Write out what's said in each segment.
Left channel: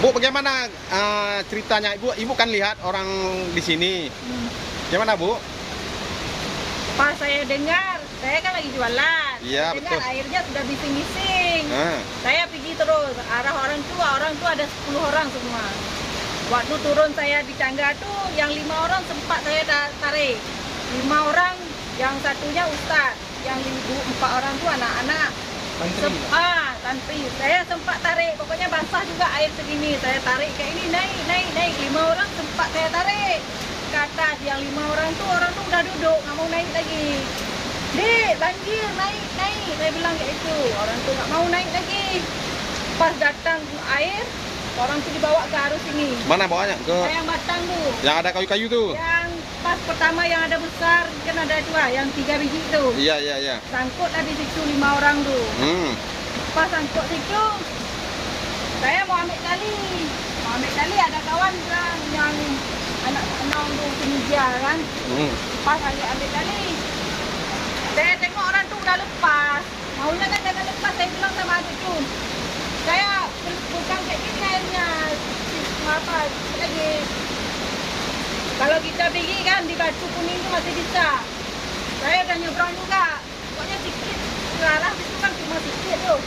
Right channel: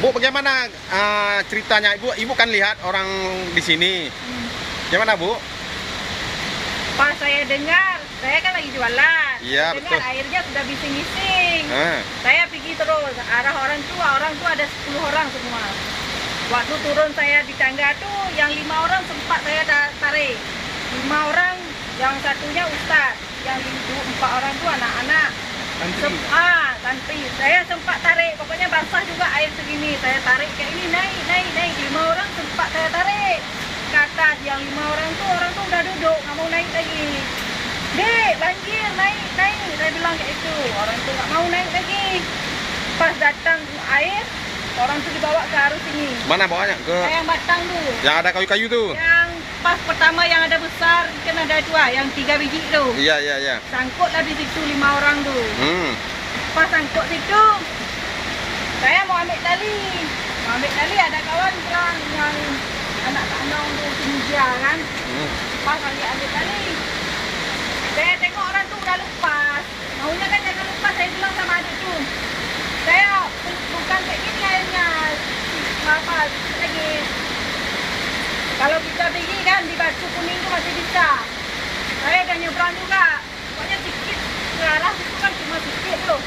Bu, bagaimana ceritanya? Ibu kan lihat orang di sini. Gimana, Bu? Pas saya dengar, saya kan lagi jualan. Iya, dengar betul. airnya sudah bising-bising. Ah. Saya pergi terus arah orang tua ada 10 orang semua. Waktu turun saya di tangga tuh, yang 5 orang sempat saya tarik. 5 orang, yang satunya ustaz, yang 4 orang tuh anak-anak. Santri. Saya sempat tarik, pokoknya basah juga air segini. Saya tarik kayak ini, naik. 5 orang sempat saya tarik ke atas. Yang 5 orang tuh udah duduk, nggak mau naik lagi. Dek, banjir, naik. Saya bilang kayak itu. Orang tuh nggak mau naik lagi. Pas datang air, orang tuh dibawa ke arus ini. Mana bawanya? Ke Yang batang tuh. yang ada kayu-kayu tuh. Yang pas pertama yang ada besar, kan ada 2, yang 3 biji tuh. Iya. Sangkutlah di situ 5 orang tuh. Pas sangkut situ, saya mau ambil tali. Ada kawan bilang yang anak-anak untuk Tunisia kan. Pas ambil tali, saya tengok orang tuh udah lepas. Maunya kan jangan lepas, saya bilang sama adikku. Saya bukan kayak gini airnya. Apa lagi? Kalau kita pergi kan di Batu Kuning itu masih bisa. Saya udah nyebrang juga. Pokoknya sedikit ke arah itu kan cuma sedikit tuh.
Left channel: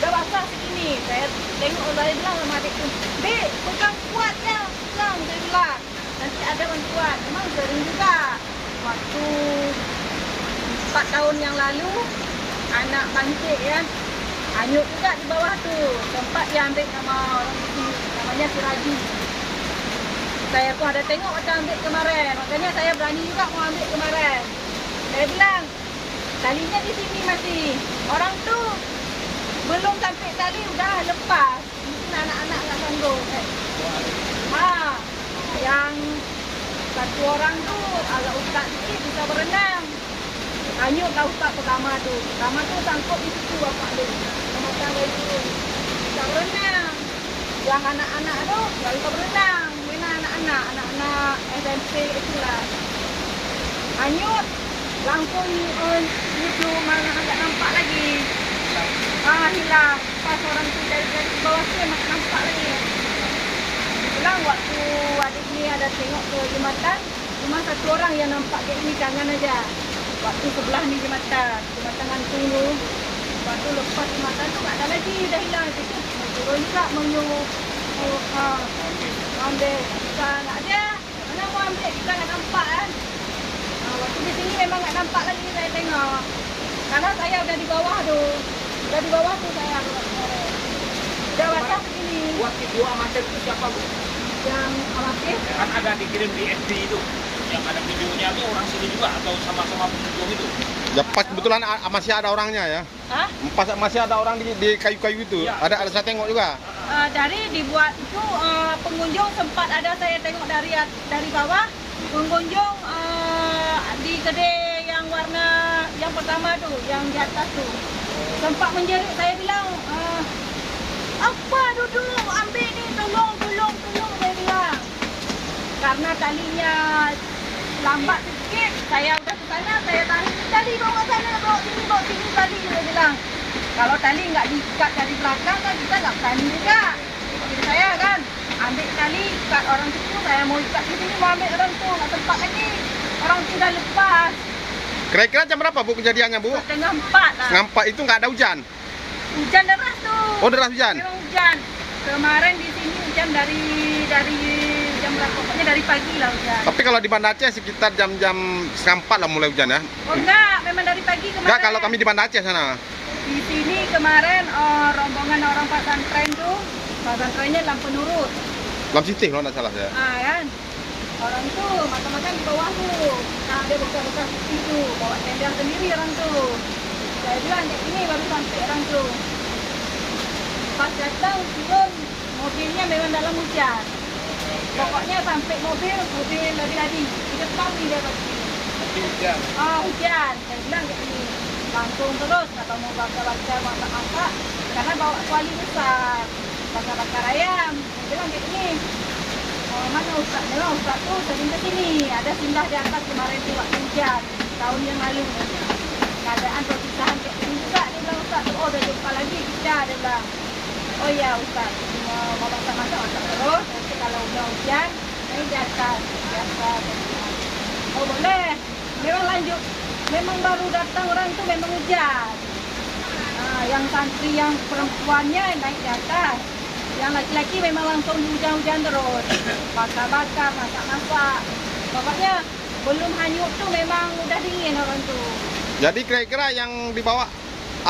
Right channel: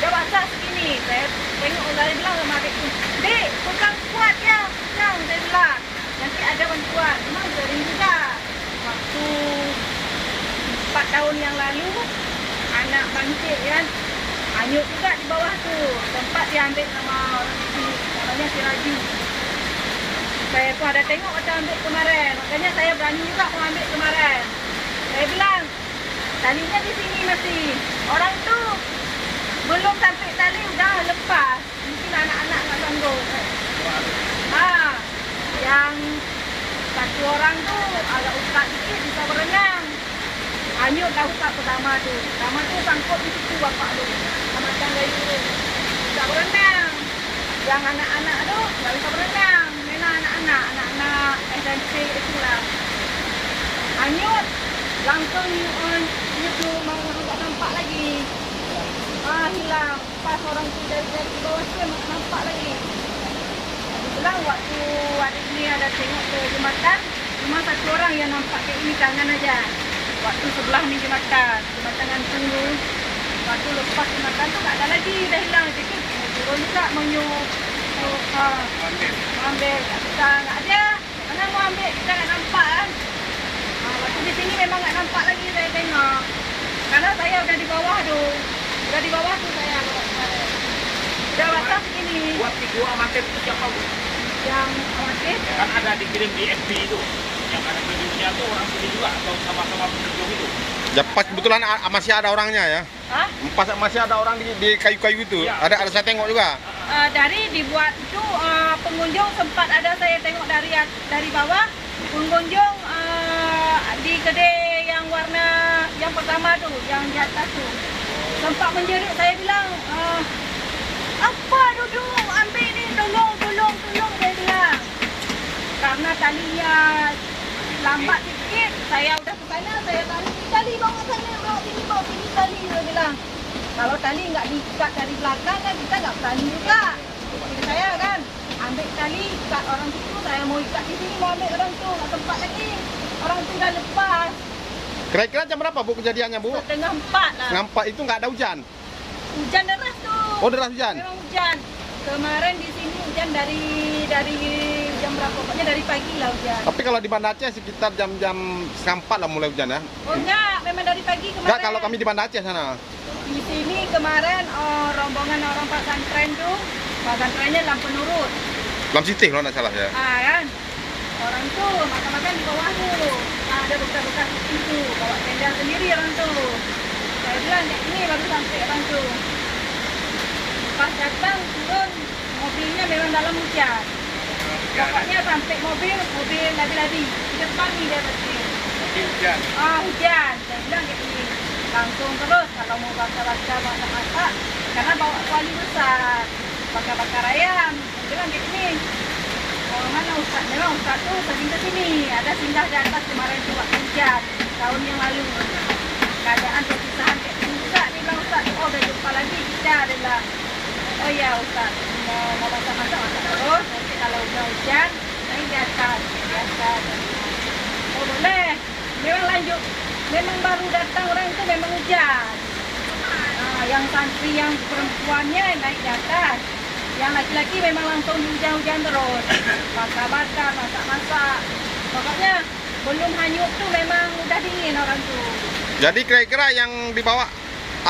Udah basah segini. Saya tengok, saya bilang sama adikku, Dek, pegang kuat ya. Pegang, saya bilang. Nanti ada bantuan. Memang sering juga. Waktu 4 tahun yang lalu, anak bangkit kan. Hanyut juga di bawah tuh. Tempat diambil sama orang di sini. Namanya si Raju. Saya pun ada tengok macam ambil kemarin. Makanya saya berani juga mau ambil kemarin. Saya bilang, talinya di sini masih. Orang tuh belum sampai tali udah lepas. Mungkin anak-anak nggak sanggup. Yang satu orang tuh agak ustaz sikit bisa berenang. Hanyut dah ustaz pertama tuh. Pertama tuh sangkut di situ bapak tu. Macam dari dulu. Bisa berenang. Yang anak-anak tu nggak bisa berenang. Anak-anak SMP itulah. Hanyut. Langsung nyebelum agak nampak lagi. Hilang. Pas orang tu dari bawah tu nampak lagi. Bilang waktu adik ni ada tengok ke jembatan, cuma satu orang yang nampak kayak ini tangan aja. Waktu sebelah ni jembatan gantung tu. Waktu lepas jembatan tu tak ada lagi, dah hilang sikit. Turun juga menyuruh ambil, tak bisa, tak ada. Mana mau ambil, kita tak nampak kan. Waktu di sini memang tak nampak lagi saya tengok. Karena saya udah di bawah tu. Udah di bawah tu saya. Udah basah begini. Buat video amatir itu siapa, Bu? Yang amatir? Kan ada dikirim di FB itu. Yang ada videonya tuh orang sini juga atau sama-sama pengunjung itu. Ya pas kebetulan masih ada orangnya ya. Hah? Pas masih ada orang di kayu-kayu itu. Ya. Ada saya tengok juga. Dari dibuat itu pengunjung sempat ada saya tengok dari bawah. Pengunjung di kedai yang warna yang pertama tuh, yang di atas tuh. Sempat menjerit, saya bilang, apa duduk, ambil ni, tolong, saya bilang. Karena talinya lambat sikit, saya udah ke sana, saya tarik tali, bawa sana, bawa sini tali, saya bilang. Kalau tali nggak diikat dari belakang kan kita nggak berani juga. Jadi saya kan ambil tali, ikat orang situ, saya mau ikat di sini, mau ambil orang tu, nggak tempat lagi. Orang tu dah lepas. Kira-kira jam berapa Bu kejadiannya Bu? Setengah 4 lah. Ngampak itu nggak ada hujan? Hujan deras tuh. Oh deras hujan? Memang hujan. Kemarin di sini hujan dari jam berapa? Pokoknya dari pagi lah hujan. Tapi kalau di Banda Aceh sekitar jam-jam setengah 4 lah mulai hujan ya? Oh enggak, memang dari pagi kemarin. Enggak, kalau kami di Banda Aceh sana. Di sini kemarin rombongan orang pesantren tuh, pesantrennya lampu nurut. Lam Sitih kalau nggak salah ya. Kan? Orang tuh makan-makan di bawah tuh. Ada bekas-bekas itu, bawa tenda sendiri orang tuh. Saya bilang kayak ini baru sampai orang tuh. Pas datang turun, mobilnya memang dalam hujan. Pokoknya sampai mobil lari-lari. Di depan nih dia pasti. Hujan. Hujan. Saya bilang kayak ini. Langsung terus kalau mau baca-baca masak-masak. Karena bawa kuali besar. Bakar-bakar ayam. Saya bilang kayak ini. Mana Ustaz? Memang Ustaz tuh sering ke sini. Ada singgah di atas kemarin tuh waktu hujan. Tahun yang lalu. Keadaan perpisahan kayak ini juga. Dia bilang Ustaz, udah jumpa lagi kita. Dia bilang. Oh iya Ustaz, mau masak-masak terus. Nanti kalau udah hujan, naik di atas, biasa. Oh boleh, memang lanjut. Memang baru datang orang itu memang hujan. Nah, yang santri yang perempuannya naik di atas. Yang laki-laki memang langsung hujan-hujan terus. Bakar-bakar, masak-masak. Pokoknya belum hanyut tuh memang udah dingin orang tuh. Jadi kira-kira yang dibawa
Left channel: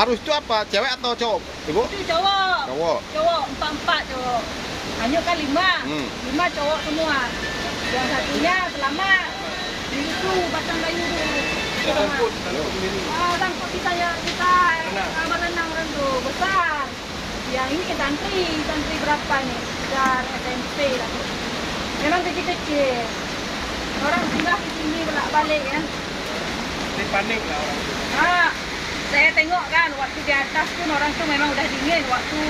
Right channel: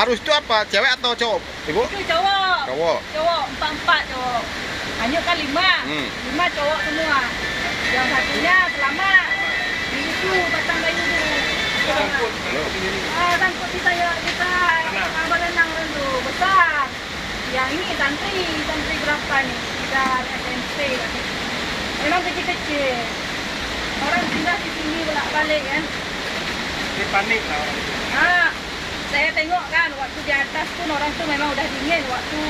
arus itu apa? Cewek atau cowok, Ibu? Itu cowok. Cowok. Cowok, 4 cowok. Hanyut kan 5. 5 cowok semua. Yang satunya selamat. Di situ batang kayu tu. Sangkut bisa berenang orang tu. Besar. Yang ini santri berapa ni? Dan SMP lah. Memang kecil-kecil. Orang tinggal di sini bolak-balik kan. Ini panik lah orang tu. Saya tengok kan waktu di atas pun orang tu memang udah dingin. Waktu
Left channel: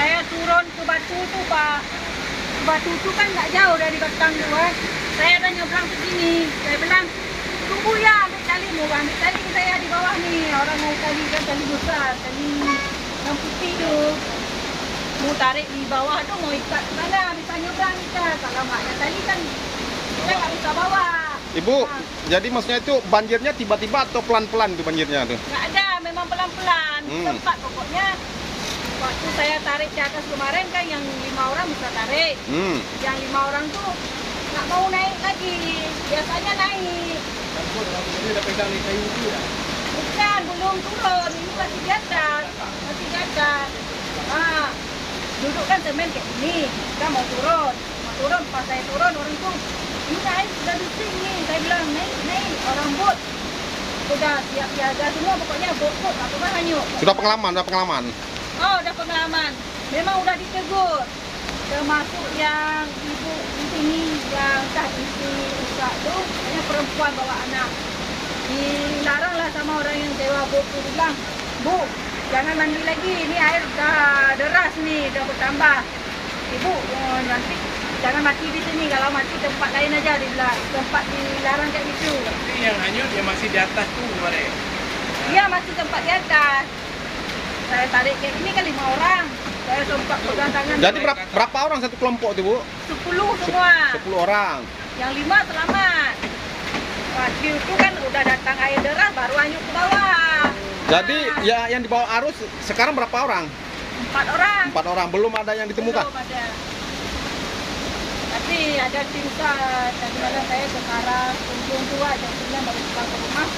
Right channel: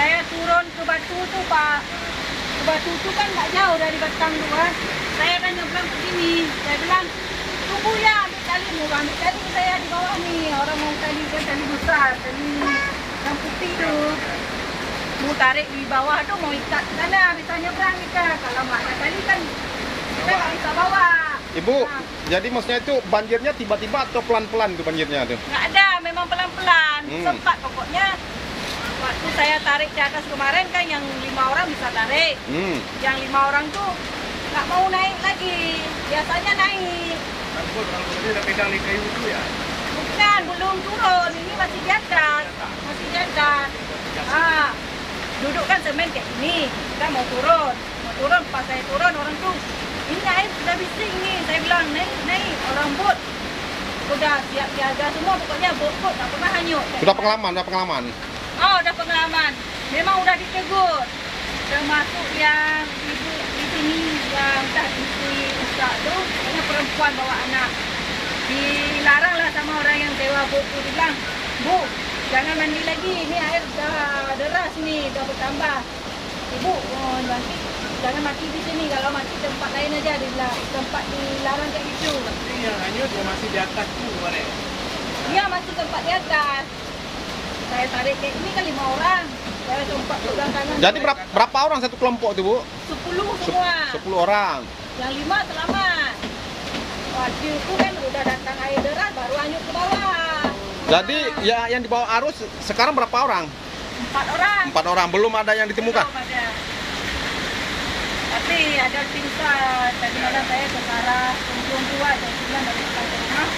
saya turun ke batu tu Pak. Batu tu kan tak jauh dari belakang tu kan. Saya kan nyebrang ke sini. Saya bilang, tunggu ya ambil tali. Mau ambil tali saya di bawah ni. Orang mau tali kan tali besar. Tali yang putih tu. Mau tarik di bawah tu mau ikat ke sana. Bisa nyebrang kita. Kalau nggak ada tali kan kita nggak bisa bawa. Ibu, jadi maksudnya itu banjirnya tiba-tiba atau pelan-pelan itu banjirnya tuh? Nggak ada, memang pelan-pelan. Sempat pokoknya. Waktu saya tarik ke atas kemarin kan yang 5 orang bisa tarik. Yang 5 orang tuh nggak mau naik lagi. Biasanya naik. Angkut dia dah pegang di kayu tu ya. Bukan, belum turun. Ini masih di atas. Masih di atas. Duduk kan semen kayak gini. Kita mau turun. Mau turun, pas saya turun orang tuh, ini air sudah bising nih. Saya bilang, naik. Orang bot. Udah siap siaga semua. Pokoknya bot nggak pernah hanyut. Sudah pengalaman. Oh, udah pengalaman. Memang udah ditegur. Termasuk yang ibu di sini yang tak istri usah tu, pokoknya perempuan bawa anak. Dilarang lah sama orang yang sewa bot tu. Dibilang, Bu, jangan mandi lagi. Ini air dah deras nih, dah bertambah. Ibu, nanti jangan mati di sini. Kalau mati tempat lain aja. Dibilang, tempat dilarang kayak gitu. Ini yang hanyut dia masih di atas tu kemarin. Iya, masih tempat di atas. Saya tarik kayak ini kan 5 orang. Saya sempat pegang tangan. Jadi berapa orang satu kelompok itu, Bu? 10 semua. 10 orang. Yang 5 selamat. Waktu itu kan udah datang air deras baru hanyut ke bawah. Jadi ya yang dibawa arus sekarang berapa orang? 4 orang. 4 orang. Belum ada yang ditemukan? Belum ada. Tapi ada tim SAR. Tadi malam saya ke arah Ujung Tua dan bilang dari depan ke rumah.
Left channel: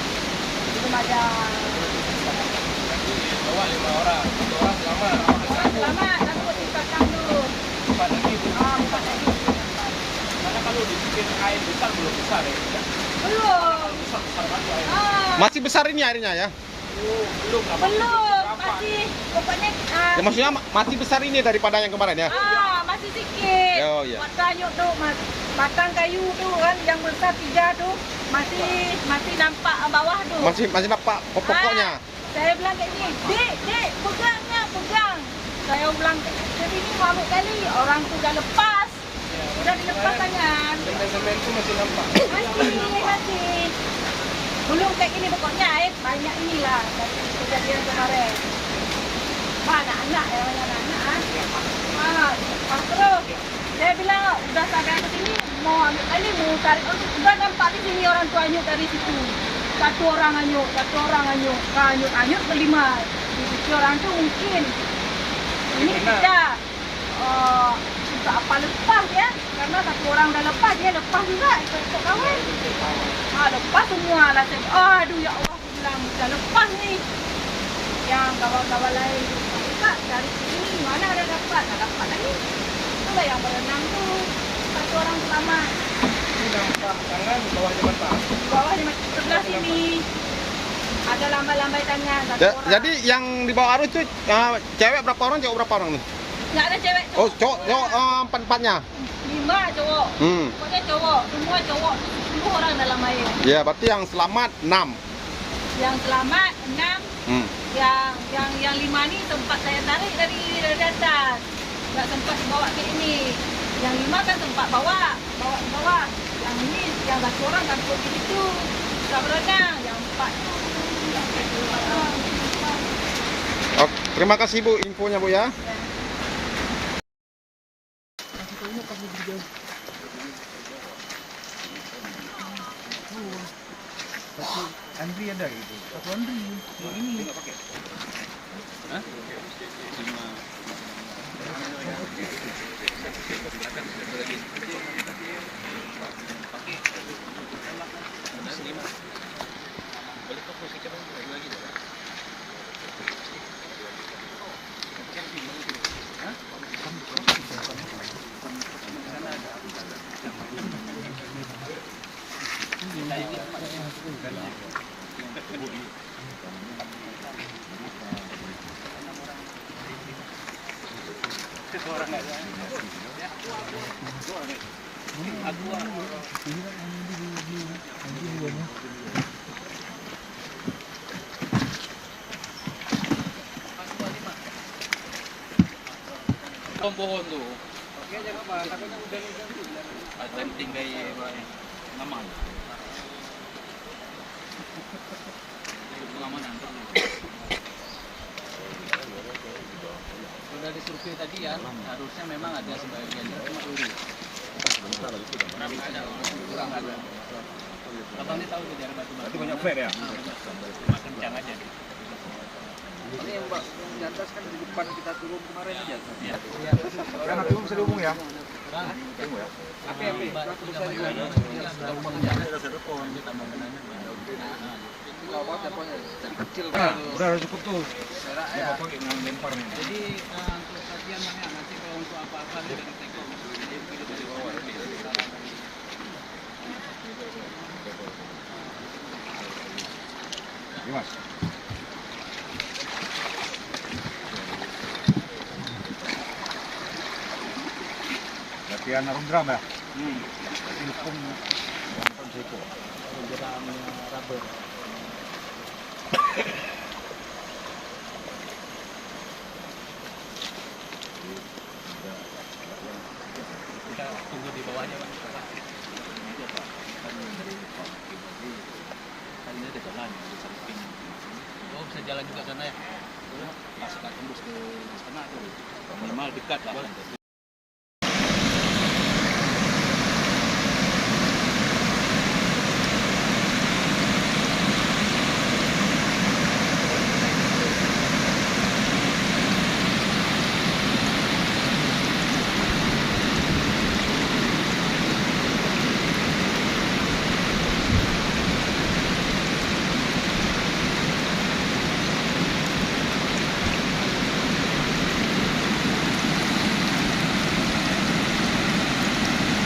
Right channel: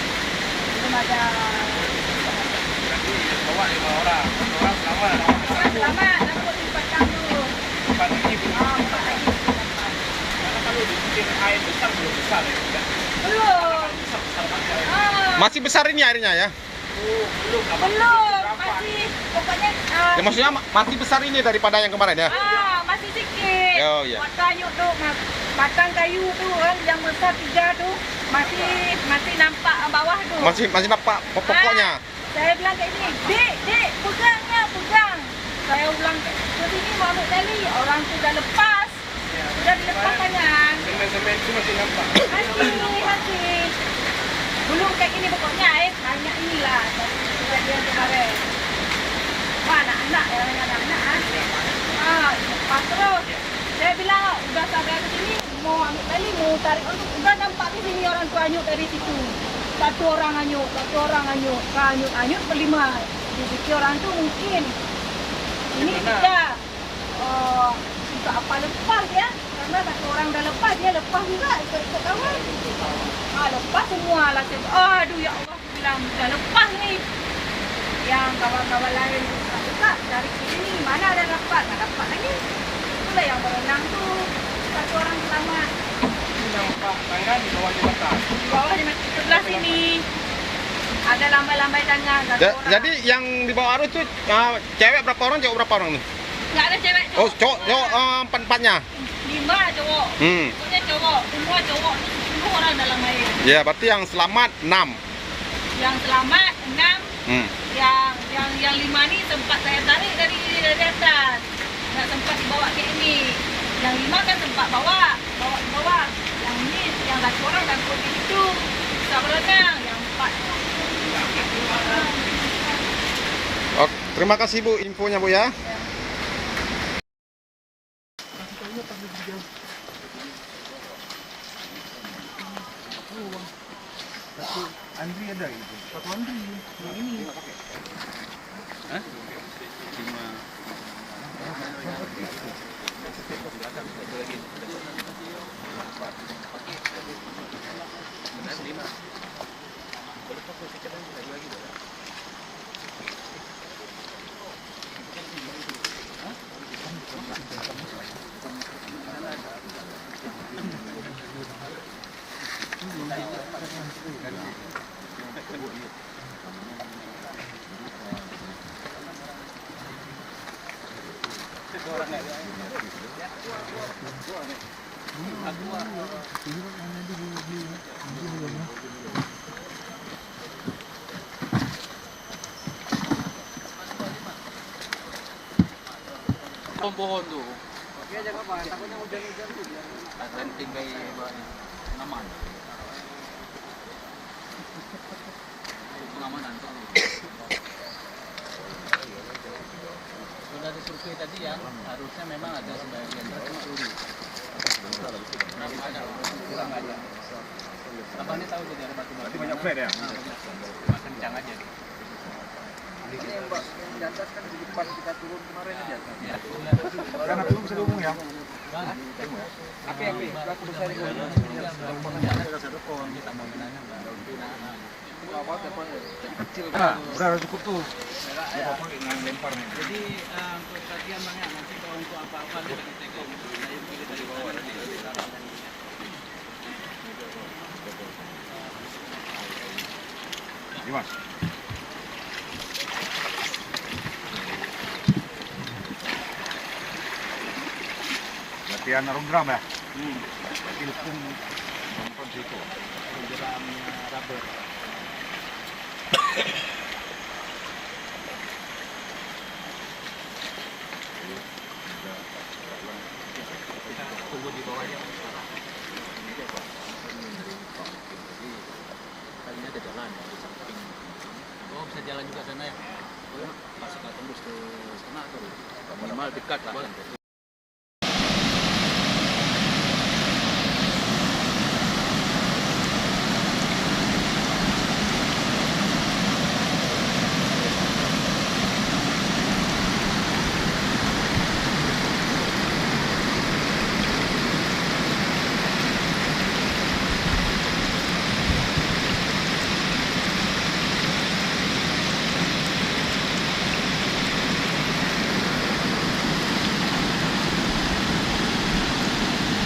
Belum ada. Bawa 5 orang. 1 orang selamat. Selamat. Langsung dipasang dulu. 4 lagi pun. 4 lagi. Karena kalau di sini air besar belum besar ya. Belum. Besar banget air. Masih besar ini airnya ya? Oh, belum lah. Belum. Masih. Pokoknya. Ya maksudnya masih besar ini daripada yang kemarin ya? Masih sedikit. Oh, iya. Buat kayu tu, batang kayu tu kan yang besar 3 tu masih nampak bawah tu. Masih nampak pokoknya. Saya bilang kayak gini, Dek, pegang. Saya ulang ke sini mau ambil tali, orang tu dah lepas. Sudah dilepas tangan. Semen tu masih nampak. Masih. Belum kayak gini pokoknya banyak inilah dari kejadian kemarin. Anak-anak ya, anak-anak. Lepas terus. Saya bilang udah sampai ke sini mau ambil tali, mau tarik. Udah nampak di sini orang tu hanyut dari situ. Satu orang hanyut. Hanyut berlima. Di situ orang tu mungkin ini tidak tak apa lepas ya. Karena satu orang dah lepas, dia lepas juga ikut kawan. Lepas semua lah. Aduh ya Allah, bilang dah lepas ni. Yang kawan-kawan lain tak cari sini, mana ada dapat, tak dapat lagi. Itulah yang berenang tu. Satu orang selamat. Ini nampak tangan di bawah jembatan. Di bawah jembatan sebelah sini. Ada lambai-lambai tangan. Jadi yang dibawa arus tu cewek berapa orang, cowok berapa orang tu? Nggak ada cewek. Oh, cowok 4-4-nya. 5 cowok. Pokoknya cowok, semua cowok. 10 orang dalam air. Ya, berarti yang selamat 6. Yang selamat 6. Yang 5 ni sempat saya tarik dari atas. Nggak sempat dibawa ke ini. Yang 5 kan sempat bawa ke bawah. Yang ini, yang 1 orang kan pergi situ. Bisa berenang. Yang 4 tu. Oke, terima kasih Bu infonya Bu ya. Ya. Satu Andri ada gitu. Aku Andri. Yang ini. Hah? Pohon tuh. Oke, jangan apa, takutnya udah akan tinggal nama. Pengamanan perlu. Sudah di survei tadi ya, harusnya memang ada sebagian cuma lurus. Kurang ada, kurang ada. Abang ini tahu jadi batu batu. Banyak flare ya? Cuma kencang aja. Ini yang Mbak yang di atas kan di depan kita turun kemarin aja. Iya. Karena belum bisa dihubung ya. Tapi aku besar juga. Kecil kan. Udah cukup tuh. Ya, lempar nih. Jadi untuk sajian Bang ya, nanti kalau untuk apa-apa dari Tekom, yang kiri dari bawah nanti. Mas. Latihan arung ya? Berarti hukum situ. Penjeraan rubber. Kita tunggu di bawahnya sekarang. Kan ini ada jalan ya. Oh, bisa jalan juga sana ya? Masuk tembus ke sana tuh. Minimal dekat lah.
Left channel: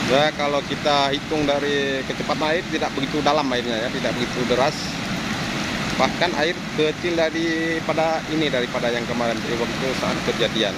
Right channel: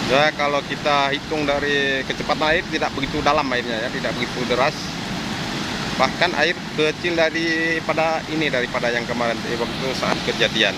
Ya, kalau kita hitung dari kecepatan air tidak begitu dalam airnya ya, tidak begitu deras. Bahkan air kecil daripada yang kemarin waktu saat kejadian.